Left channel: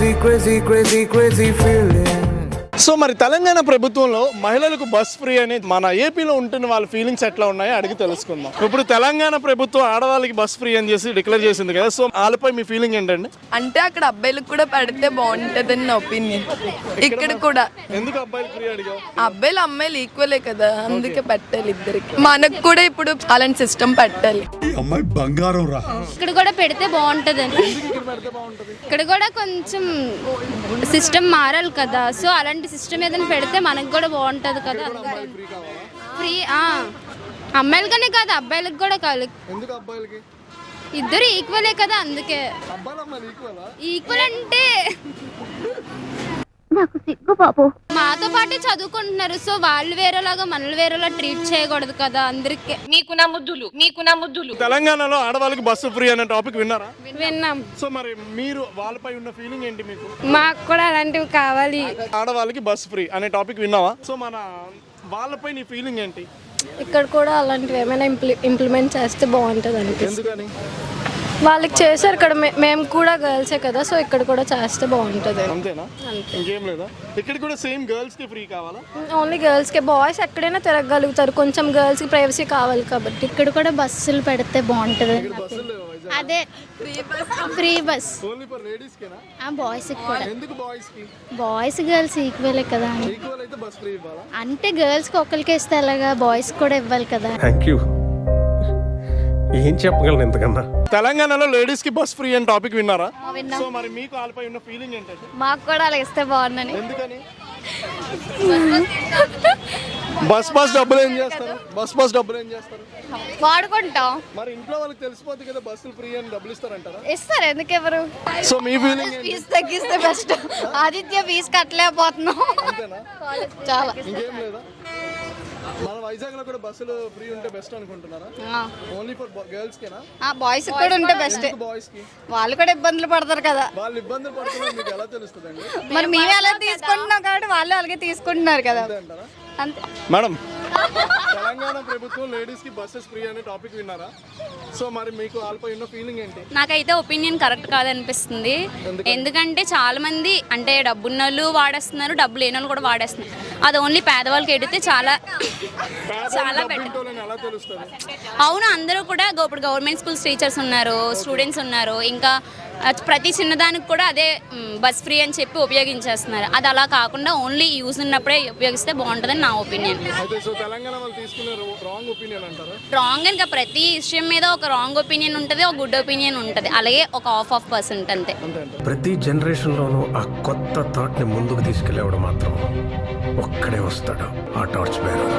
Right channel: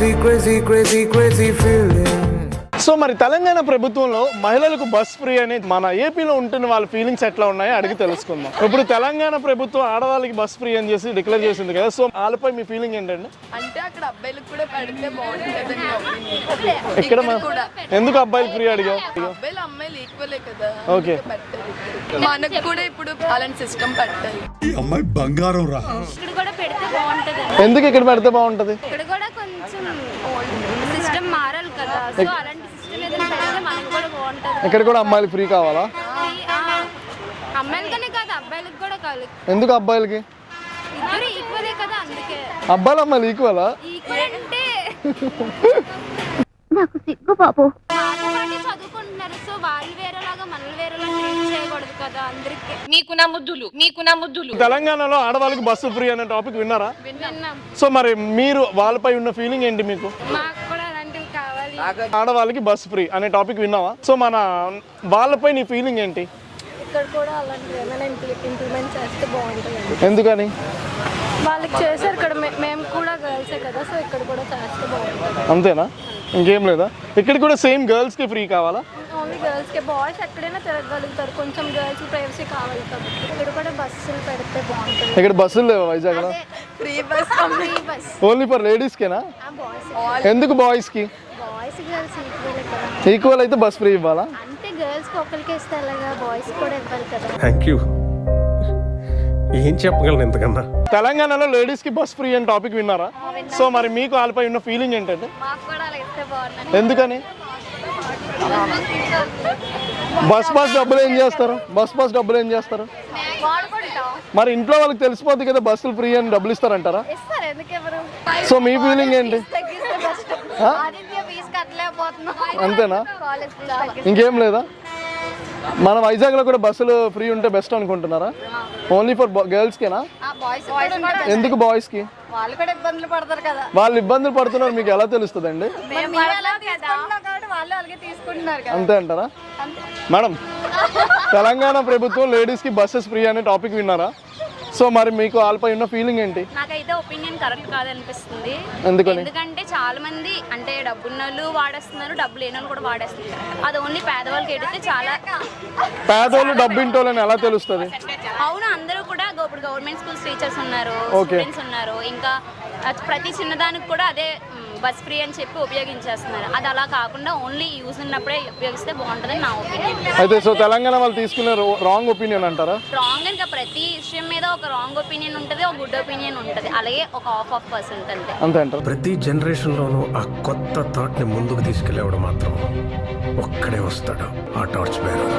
crazy feeling. So మరి తెలంగాణ ప్రభుత్వంలో మహిళలకు బస్ ఫ్రీ అనేది మన ఏపీలో ఉంటున్న వాళ్ళ ఫీలింగ్స్ ఎట్లా ఉన్నాయో అడిగి తెలుసుకుందాం. ఇప్పుడు తెలంగాణ ప్రభుత్వం ఆడవాళ్ళకి బస్ ఫ్రీ అని చేసి డిక్లేర్ చేసింది కదా, సో వాళ్ళపై మీ ఫీలింగ్ ఏంటండి? అంటే అక్కడ అబ్బాయిలకు కూడా పెడితే బాగుంటదని నా ఒపీనియన్. ఇక్కడ కూడా ఎందుకు అబ్బాయిలు ఫ్రీ అడిగా? అబ్బాయిలు అమ్మాయిలు ఈక్వలే కదా, అందుకే పెట్టాలి ఇద్దరికి. మనకు కూడా ఇప్పుడు అలాంటి సిస్టమ్ పెట్టాలి. అమ్మాయి బంగారం రా. ఇక్కడ కూడా పెడితే బాగుంటది. ఎందుకు ఇక్కడ పెడితే బాగుంటది? ఇక్కడ కూడా కొంచెం సిస్టమ్ మారాలి కదా, సో అలాంటి సిస్టమ్ ఏదైనా పెడితే మనకు కూడా బాగుంటది. ఇక్కడ కూడా అమ్మాయిలు ఫ్రీ కావాలా? ఫ్రీ అమ్మాయిలకనే కాదు అబ్బాయిలకు కూడా కాదు. ఎందుకు అబ్బాయిలకి? ఇద్దరు ఈక్వలే కదా, అందుకే. అబ్బాయిలు అమ్మాయిలు ఈక్వలా? ఈక్వల్ అంటే నాకు సిగ్గు బాబు. మాతో పాటే చదువుకుంటున్నారు, సో వాళ్ళు వేరేలాగా మనల్ని వేరేలా ట్రీట్ చేయకూడదు కదా అందరికి. మీకు నా ముద్దులు. తెలంగాణలో ఆడవాళ్ళకి బస్సు ఫ్రీ అనే టాపిక్ విన్నారా? విన్నాం. సో మరి మీరు వాళ్ళపై ఉన్న ఫీలింగ్ ఏంటి మీకు? మాకు కూడా అలాంటివి కావాలి. ఆడవాళ్ళకి బస్ ఫ్రీ అనే టాపిక్ విన్నావా? సో మన వాళ్ళపై నీ ఫీలింగ్ ఏంటి? ఇక్కడ కూడా అలాంటివి ఏమైనా ఇంప్లిమెంట్ చేస్తే బాగుంటుంది. ఎందుకని? వాళ్ళకి చేశారు ఇక్కడ, మేము కూడా గర్ల్సే కదా, సో ఇక్కడ కూడా చేస్తే బాగుంటుంది. అంతేనా? ఇంకేం లేదా? ఇక్కడ కూడా సేమ్ గర్ల్స్ కి ఫ్రీ కావాలా? ఓన్లీ గర్ల్స్ కే, బాయ్స్ ఎక్కడైనా తిరగలుగుతారు, కొంచెం గర్ల్స్ కి ప్రైవసీ కావాలి కాబట్టి. ఇక్కడ కూడా బస్సులు పెడితే బాగుంటుంది. ఇక్కడ బస్సులు లేవా Vizag? Free bus only for ladies కేనా? బాయ్స్. ఎందుకు బాయ్స్ కి? బాయ్స్ గర్ల్స్ ఈక్వలే కదా. ఈక్వల్ అయితే బస్ ఫ్రీ ఇవ్వాలా? అంటే గర్ల్స్ కి ఒకరికి ఇస్తే అలాగా బాయ్స్ కూడా ఇవ్వాలి కదా. Thank you. ఏం చెప్పగలను ఇంతకన్నా? తెలంగాణలో లేడీస్ కి బస్ ఫ్రీ అని టాపిక్ విన్నారా? సో మరి మీకు వాళ్ళపై ఉన్న ఫీలింగ్ ఏంటంటే? మాకు కూడా అలా ఇస్తే బాగుందని. ఎందుకని? బస్ డబ్బులు ఏం చేస్తారు? బస్ డబ్బులు ఏం చేస్తారు? వాడుకుంటాం. మరి ఇంట్లో వాళ్ళకి తెలిసిపోద్ది కదా బస్సులు ఫ్రీ అని డబ్బులు ఇస్తారంటారా? ఇస్తారు, ఎందుకు ఎవరు? సో మీ ఫీలింగ్ ఏంటి? తగ్గిస్తే బెస్ట్. ఆదిత్య ఫీజు కట్టలేకపోతున్నాం. అంతేనా? ఇంకేం లేదా? మన వైజాగ్ లో కూడా బస్సులు ఫ్రీ ఉంటే బెస్ట్ అనుకుంటున్నారా? ఓన్లీ ఫర్ గర్ల్స్ కేనా? బాయ్స్ కూడా ఉంటే బెస్ట్. ఎందుకు బాయ్స్ కి? వాళ్ళు కూడా ఇబ్బందులు పడతారు కదా. వాళ్ళు ఇబ్బందులు పడుతున్నారు మీకు ఎలా తెలుస్తుందండి? మరి మేము ఎలా తీసుకుంటున్నాం కాబట్టి వాళ్ళు అలాగే తీసుకుంటున్నారు కదా. అంతే అంటారా? మేడం, తెలంగాణ ప్రభుత్వం లేడీస్ కి బస్సెస్ ఫ్రీ అనే టాపిక్ విన్నారా? సో మరి మీకు వాళ్ళపై ఉన్న ఫీలింగ్ ఏంటి? నాకైతే ఒపీనియన్ కరెక్ట్ కాదనిపిస్తుంది. ఎందుకంటే చాలా మంది అంటే డబ్బున్న వాళ్ళు వాడేస్తున్నారు, డబ్బు లేని వాళ్ళు కూడా వాడేస్తున్నారు. అది ఓన్లీ పేదవాళ్ళకి ఎడితే చాలా. పేదవాళ్ళు డబ్బు ఇంటోళ్ళని ఎలా తెలుస్తుంది? అవును, అందరూ కూడా ఇప్పుడు గవర్నమెంట్ స్కూల్స్ టీచర్స్ ఉన్నారు, స్టూడెంట్స్ ఉన్నారు, ఇంకా ప్రతి చిన్నదానికి కూడా అదే బస్ ఫ్రీ అని చెప్పి ఉపయోగించేస్తున్నారు. అది అలా కాకుండా ఓన్లీ యూజ్ ఉన్నప్పుడే ఉపయోగిస్తే బాగుంటుందని నా ఒపీనియన్. అయితే సో తెలంగాణ వాళ్ళు తీసుకున్న రాంగ్ ఒపీనియన్ అంటారా? రాంగ్ ఇంకా ప్రతి విషయం మీద ఒక రాంగ్ ఒపీనియన్ ఉంటుంది, ఒక గుడ్ ఒపీనియన్ ఉంటుంది, అలాగే ఒక ఆఫ్ పర్సెంట్ అంతే. అంతే అంటారు. ప్రతి జనరేషన్ లోనూ ఆ కొత్త థాట్ ని ముందుకు తీసుకెళ్లేవాడు మాత్రం ఒక్కడే వస్తాడు, ఆ టార్చ్ బేరర్.